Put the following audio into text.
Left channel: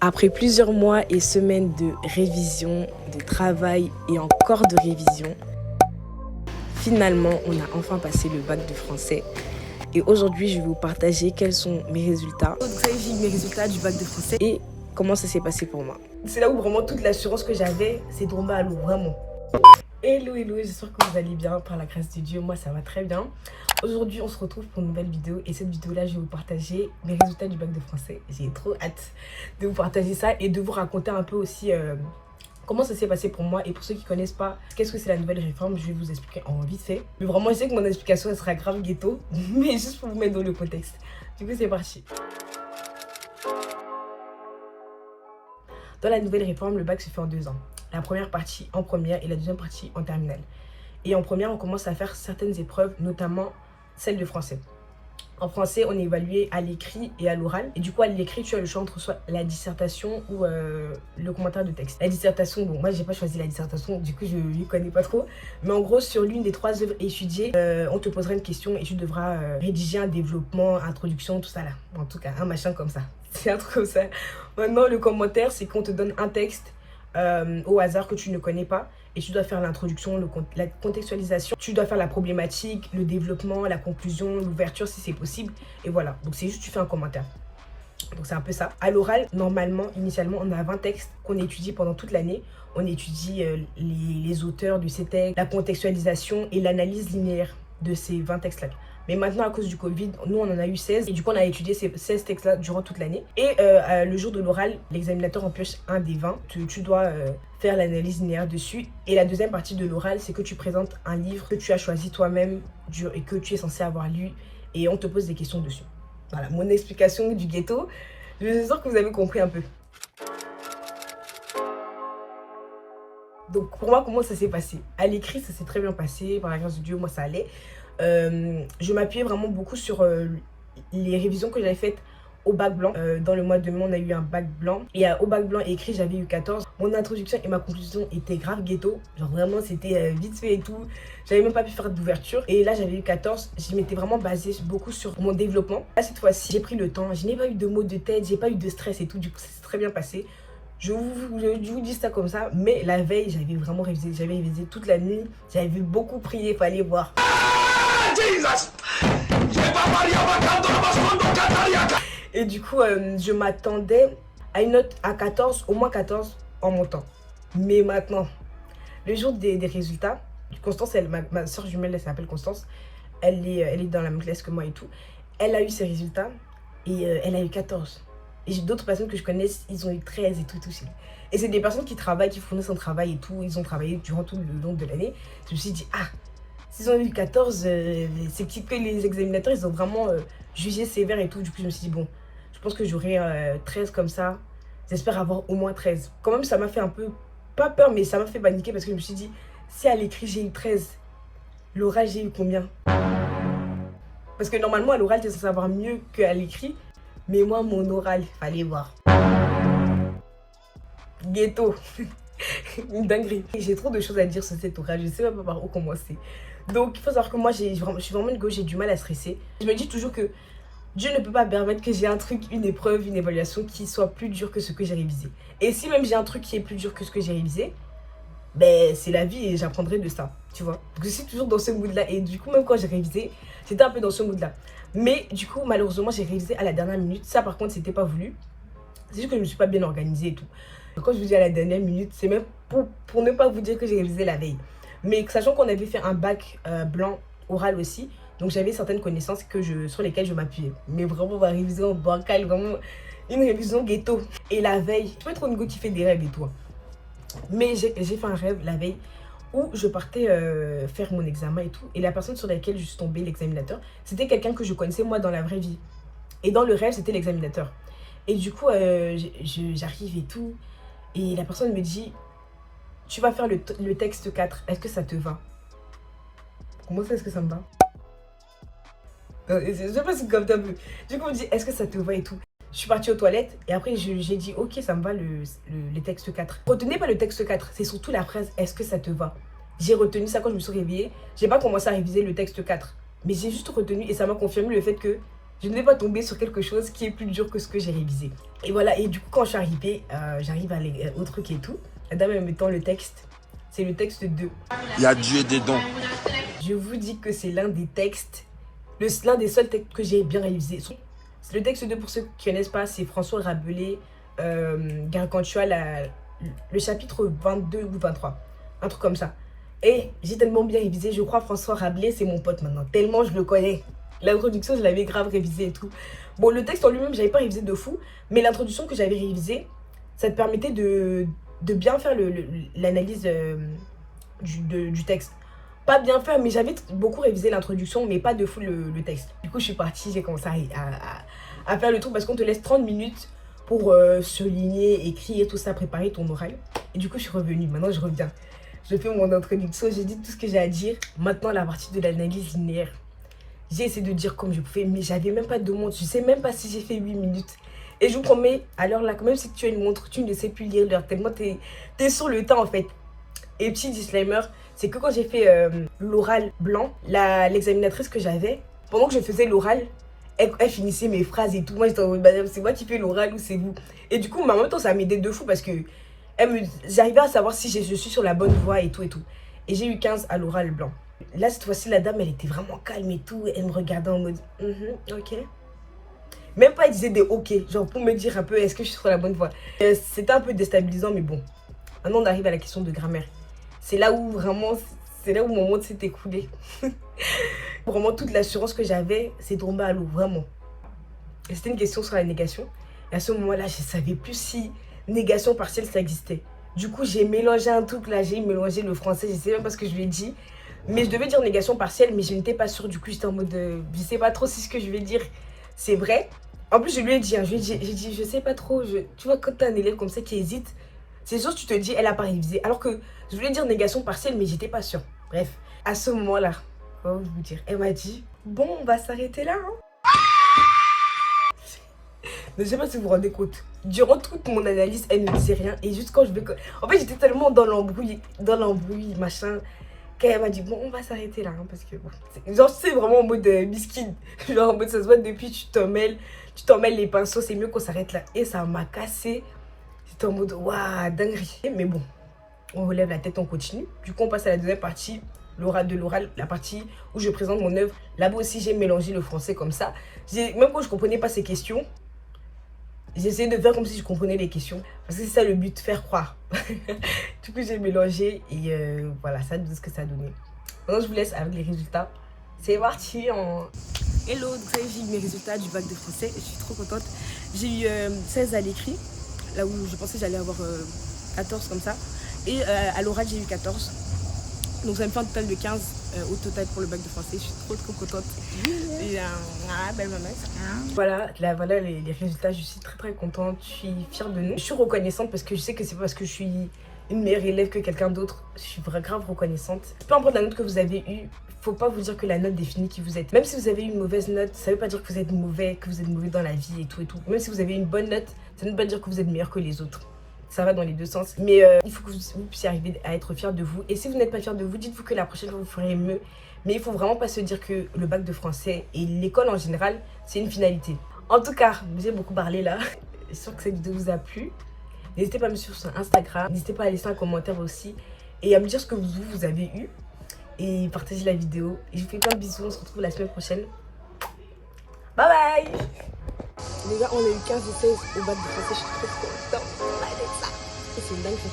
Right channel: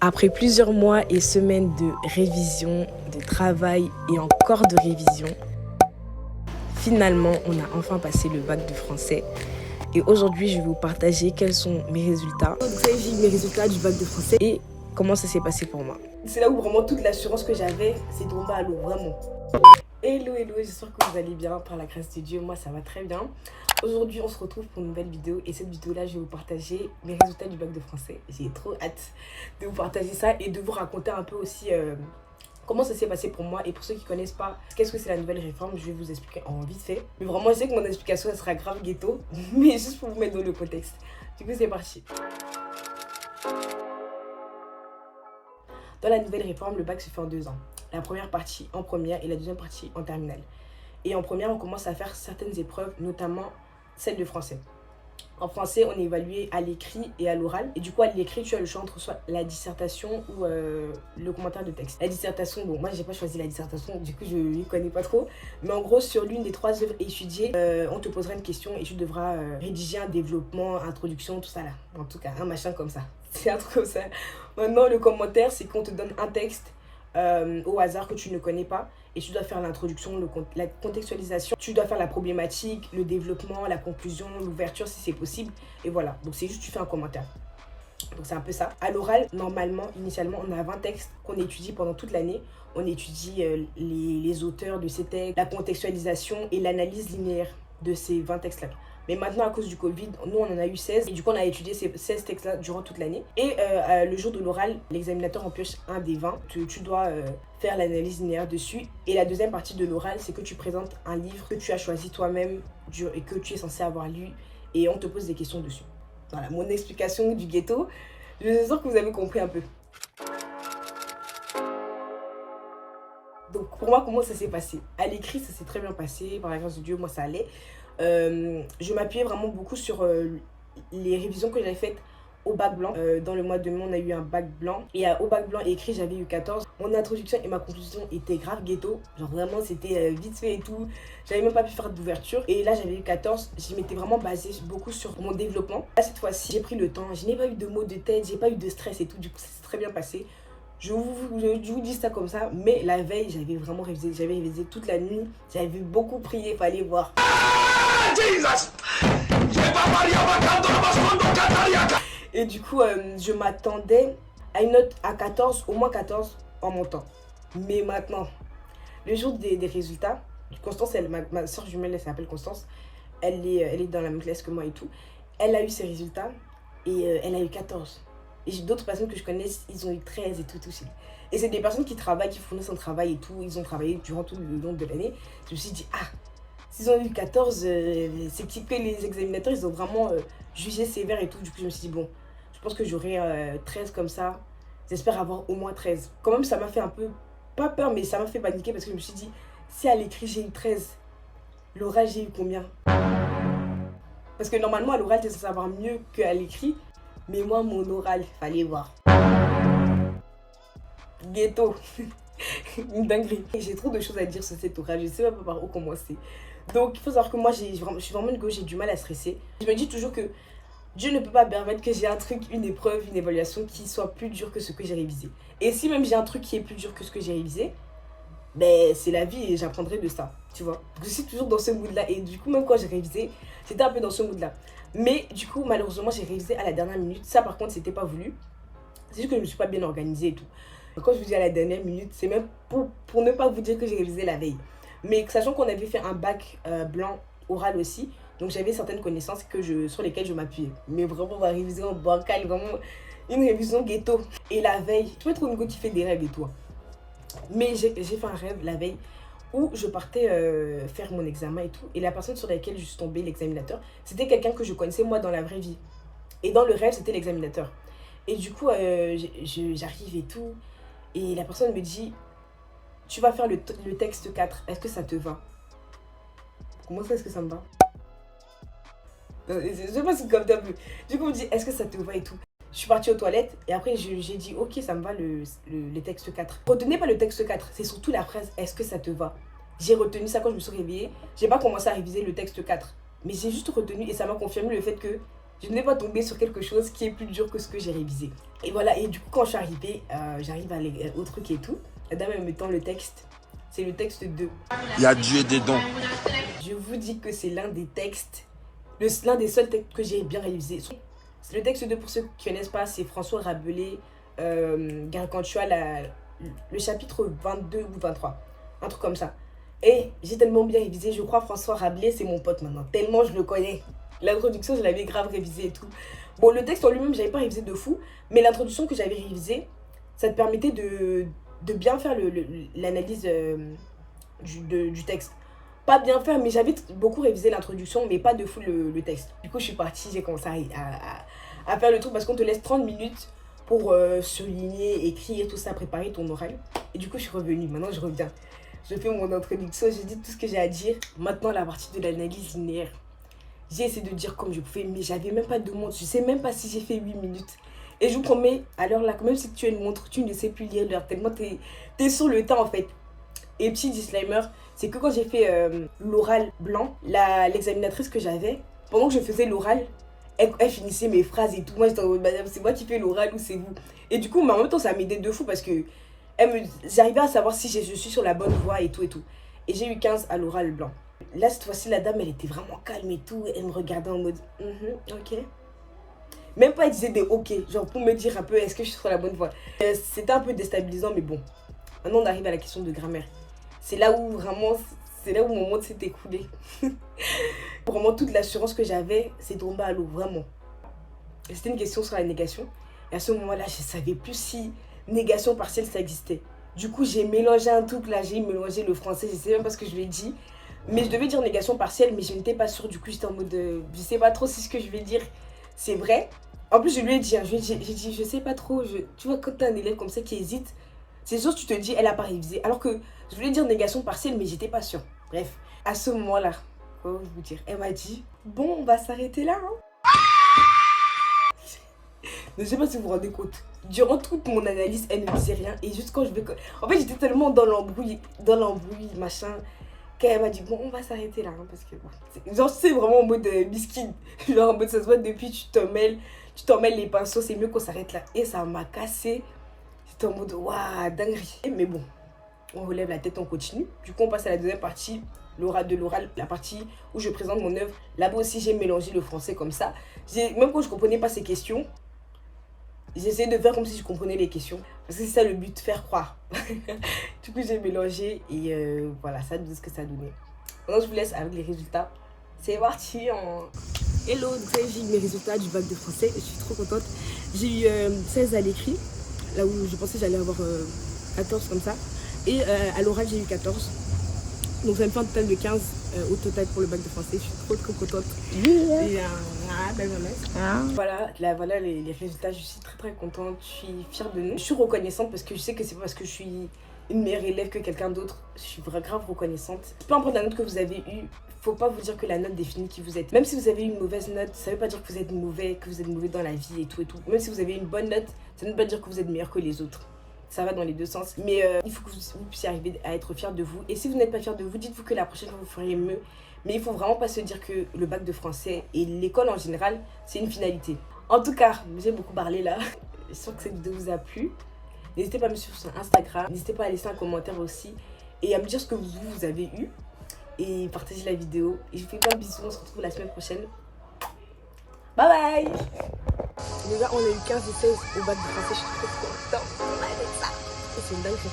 Après plusieurs mois et semaines de révision, de travail et encore de révision, finalement, on a enfin passé le bac de français. Et aujourd'hui, je vais vous partager quels sont mes résultats. Donc ça y est, j'ai eu mes résultats du bac de français et comment ça s'est passé pour moi. C'est là où vraiment toute l'assurance que j'avais s'est tombée à l'eau, vraiment. Hello, j'espère que vous allez bien par la grâce de Dieu. Moi, ça va très bien. Aujourd'hui, on se retrouve pour une nouvelle vidéo. Et cette vidéo-là, je vais vous partager mes résultats du bac de français. J'ai trop hâte de vous partager ça et de vous raconter un peu aussi comment ça s'est passé pour moi. Et pour ceux qui ne connaissent pas, qu'est-ce que c'est la nouvelle réforme, je vais vous expliquer en vite fait. Mais vraiment, je sais que mon explication, elle sera grave ghetto. Mais juste pour vous mettre dans le contexte. Du coup, c'est parti. Dans la nouvelle réforme, le bac se fait en 2 ans. La première partie en première et la deuxième partie en terminale. Et en première, on commence à faire certaines épreuves, notamment celle de français. En français, on est évalué à l'écrit et à l'oral. Et du coup, à l'écrit, tu as le choix entre soit la dissertation ou le commentaire de texte. La dissertation, bon, moi, j'ai pas choisi la dissertation, du coup, je ne connais pas trop. Mais en gros, sur l'une des 3 œuvres étudiées, on te posera une question et tu devras rédiger un développement, introduction, tout ça là. En tout cas, un machin comme ça. C'est un truc comme ça. Maintenant, le commentaire, c'est qu'on te donne un texte au hasard que tu ne connais pas et tu dois faire l'introduction, la contextualisation, tu dois faire la problématique, le développement, la conclusion, l'ouverture si c'est possible et voilà, donc c'est juste tu fais un commentaire. Donc c'est un peu ça. À l'oral, normalement, initialement, on a 20 textes qu'on étudie pendant toute l'année. On étudie les auteurs de ces textes, la contextualisation et l'analyse linéaire de ces 20 textes-là. Mais maintenant, à cause du Covid, nous, on en a eu 16. Et du coup, on a étudié ces 16 textes-là durant toute l'année. Et le jour de l'oral, l'examinateur en pioche un des 20. Tu dois faire l'analyse linéaire dessus. Et la deuxième partie de l'oral, c'est que tu présentes un livre que tu as choisi toi-même et que tu es censé avoir lu. Et on te pose des questions dessus. Voilà, mon explication du ghetto. Je suis sûre que vous avez compris un peu. Donc pour moi, comment ça s'est passé? À l'écrit, ça s'est très bien passé. Par la grâce de Dieu, moi, ça allait. Je m'appuyais vraiment beaucoup sur les révisions que j'avais faites au bac blanc. Dans le mois de mai, on a eu un bac blanc. Et au bac blanc écrit, j'avais eu 14. Mon introduction et ma conclusion étaient grave ghetto. Genre vraiment, c'était vite fait et tout. J'avais même pas pu faire d'ouverture. Et là, j'avais eu 14. Je m'étais vraiment basée beaucoup sur mon développement. Là, cette fois-ci, j'ai pris le temps. Je n'ai pas eu de maux de tête, j'ai pas eu de stress et tout. Du coup, ça s'est très bien passé. Je vous dis ça comme ça, mais la veille, j'avais vraiment révisé. J'avais révisé toute la nuit. J'avais beaucoup prié, fallait voir. Et du coup, je m'attendais à une note à 14, au moins 14 en montant. Mais maintenant, le jour des résultats, Constance, ma soeur jumelle, elle s'appelle Constance. Elle est dans la même classe que moi et tout. Elle a eu ses résultats et elle a eu 14. Et j'ai d'autres personnes que je connais, ils ont eu 13 et tout. Et c'est des personnes qui travaillent, qui fournissent un travail et tout. Ils ont travaillé durant tout le long de l'année. Je me suis dit, ah, s'ils ont eu 14, c'est que les examinateurs, ils ont vraiment jugé sévère et tout. Du coup, je me suis dit, bon, je pense que j'aurai 13 comme ça. J'espère avoir au moins 13. Quand même, ça m'a fait un peu, pas peur, mais ça m'a fait paniquer parce que je me suis dit, si à l'écrit, j'ai eu 13, l'oral, j'ai eu combien? Parce que normalement, à l'oral, tu es censé savoir mieux qu'à l'écrit. Mais moi, mon oral, fallait voir. Ghetto. Une dinguerie. J'ai trop de choses à dire sur cet oral. Je sais même pas par où commencer. Donc, il faut savoir que moi, je suis vraiment une go, j'ai du mal à stresser. Je me dis toujours que Dieu ne peut pas permettre que j'ai un truc, une épreuve, une évaluation qui soit plus dur que ce que j'ai révisé. Et si même j'ai un truc qui est plus dur que ce que j'ai révisé, ben c'est la vie et j'apprendrai de ça, tu vois. Donc je suis toujours dans ce mood-là. Et du coup, même quand j'ai révisé, j'étais un peu dans ce mood-là. Mais du coup, malheureusement, j'ai révisé à la dernière minute. Ça, par contre, c'était pas voulu. C'est juste que je me suis pas bien organisée et tout. Donc, quand je vous dis à la dernière minute, c'est même pour ne pas vous dire que j'ai révisé la veille. Mais sachant qu'on avait fait un bac blanc oral aussi, donc j'avais certaines connaissances sur lesquelles je m'appuyais. Mais vraiment, ma révision bancale, vraiment une révision ghetto. Et la veille, tu peux être une go qui fait des rêves et tout. Mais j'ai fait un rêve la veille où je partais faire mon examen et tout. Et la personne sur laquelle je suis tombée, l'examinateur, c'était quelqu'un que je connaissais moi dans la vraie vie. Et dans le rêve, c'était l'examinateur. Et du coup, j'arrive et tout. Et la personne me dit, tu vas faire le texte 4. Est-ce que ça te va? Comment ça, est-ce que ça me va? Je sais pas si c'est comme un peu. Du coup, on me dit, est-ce que ça te va et tout? Je suis partie aux toilettes et après j'ai dit ok, ça me va le texte 4. Retenez pas le texte 4, c'est surtout la phrase est-ce que ça te va. J'ai retenu ça quand je me suis réveillée. J'ai pas commencé à réviser le texte 4, mais j'ai juste retenu et ça m'a confirmé le fait que je ne vais pas tomber sur quelque chose qui est plus dur que ce que j'ai révisé. Et voilà, et du coup quand je suis arrivée, j'arrive au truc et tout. La dame elle me tend le texte. C'est le texte 2. Il y a Dieu dedans. Je vous dis que c'est l'un des textes, l'un des seuls textes que j'ai bien révisé. Le texte 2, pour ceux qui ne connaissent pas, c'est François Rabelais, Gargantua, le chapitre 22 ou 23. Un truc comme ça. Et j'ai tellement bien révisé, je crois François Rabelais, c'est mon pote maintenant. Tellement je le connais. L'introduction, je l'avais grave révisé et tout. Bon, le texte en lui-même, j'avais pas révisé de fou. Mais l'introduction que j'avais révisée, ça te permettait de bien faire l'analyse du texte. Pas bien faire, mais j'avais beaucoup révisé l'introduction, mais pas de fou le texte. Du coup, je suis partie, j'ai commencé à faire le truc parce qu'on te laisse 30 minutes pour souligner, écrire, tout ça, préparer ton oral. Et du coup, je suis revenue. Maintenant, je reviens. Je fais mon introduction, j'ai dit tout ce que j'ai à dire. Maintenant, la partie de l'analyse linéaire. J'ai essayé de dire comme je pouvais, mais j'avais même pas de montre. Je sais même pas si j'ai fait 8 minutes. Et je vous promets, à l'heure là, même si tu as une montre, tu ne sais plus lire l'heure. Tellement t'es sur le temps en fait. Et petit disclaimer, c'est que quand j'ai fait l'oral blanc, l'examinatrice que j'avais, pendant que je faisais l'oral, elle finissait mes phrases et tout. Moi j'étais en mode, c'est moi qui fais l'oral ou c'est vous? Et du coup, mais en même temps, ça m'aidait de fou parce que j'arrivais à savoir si je suis sur la bonne voie et tout et tout. Et j'ai eu 15 à l'oral blanc. Là, cette fois-ci, la dame, elle était vraiment calme et tout. Elle me regardait en mode, ok. Même pas, elle disait des ok, genre pour me dire un peu, est-ce que je suis sur la bonne voie. C'était un peu déstabilisant, mais bon. Maintenant, on arrive à la question de grammaire. C'est là où vraiment, c'est là où mon monde s'est écoulé. Vraiment, toute l'assurance que j'avais, c'est tombé à l'eau, vraiment. Et c'était une question sur la négation. Et à ce moment-là, je ne savais plus si négation partielle, ça existait. Du coup, j'ai mélangé un truc là, j'ai mélangé le français, je ne sais même pas ce que je lui ai dit. Mais je devais dire négation partielle, mais je n'étais pas sûre. Du coup, j'étais en mode, je sais pas trop si ce que je vais dire, c'est vrai. En plus, je lui ai dit, j'ai dit, je sais pas trop. Tu vois, quand tu as un élève comme ça qui hésite, c'est sûr, tu te dis, elle a pas révisé. Alors que je voulais dire négation partielle, mais j'étais pas sûre. Bref, à ce moment-là, comment vous dire, elle m'a dit, bon, on va s'arrêter là. Hein. Je ne sais pas si vous vous rendez compte. Durant toute mon analyse, elle ne disait rien. Et juste quand je vais... En fait, j'étais tellement dans l'embrouille, machin, qu'elle m'a dit, bon, on va s'arrêter là. Hein, parce que, bon, genre, c'est vraiment en mode biscuit. Genre, en mode, ça se voit depuis, tu t'en mêles les pinceaux, c'est mieux qu'on s'arrête là. Et ça m'a cassé. J'étais en mode, waouh, dinguerie. Mais bon, on relève la tête, on continue. Du coup, on passe à la deuxième partie, l'oral, la partie où je présente mon œuvre. Là-bas aussi, j'ai mélangé le français comme ça. Même quand je ne comprenais pas ces questions, j'essayais de faire comme si je comprenais les questions. Parce que c'est ça le but, faire croire. Du coup, j'ai mélangé et voilà, ça donne ce que ça a donné. Maintenant, je vous laisse avec les résultats. C'est parti. Hello, donc ça y est, j'ai eu mes résultats du bac de français. Je suis trop contente. J'ai eu 16 à l'écrit, là où je pensais que j'allais avoir 14 comme ça. Et à l'oral, j'ai eu 14. Donc ça me fait un total de 15 au total pour le bac de français. Je suis trop contente. Et belle maman. Voilà les résultats. Je suis très contente. Je suis fière de nous. Je suis reconnaissante parce que je sais que c'est pas parce que je suis une meilleure élève que quelqu'un d'autre. Je suis grave reconnaissante. Peu importe la note que vous avez eue, faut pas vous dire que la note définit qui vous êtes. Même si vous avez une mauvaise note, ça veut pas dire que vous êtes mauvais, dans la vie et tout. Même si vous avez une bonne note, ça ne veut pas dire que vous êtes meilleur que les autres. Ça va dans les deux sens. Mais il faut que vous puissiez arriver à être fier de vous. Et si vous n'êtes pas fier de vous, dites-vous que la prochaine fois, vous ferez mieux. Mais il faut vraiment pas se dire que le bac de français et l'école en général, c'est une finalité. En tout cas, j'ai beaucoup parlé là. J'espère que cette vidéo vous a plu. N'hésitez pas à me suivre sur Instagram. N'hésitez pas à laisser un commentaire aussi. Et à me dire ce que vous avez eu. Et partagez la vidéo. Et je vous fais plein de bisous. On se retrouve la semaine prochaine. Bye bye. Les gars, on a eu 15 et 16 au bac de français. Je suis trop contente. C'est une dinguerie.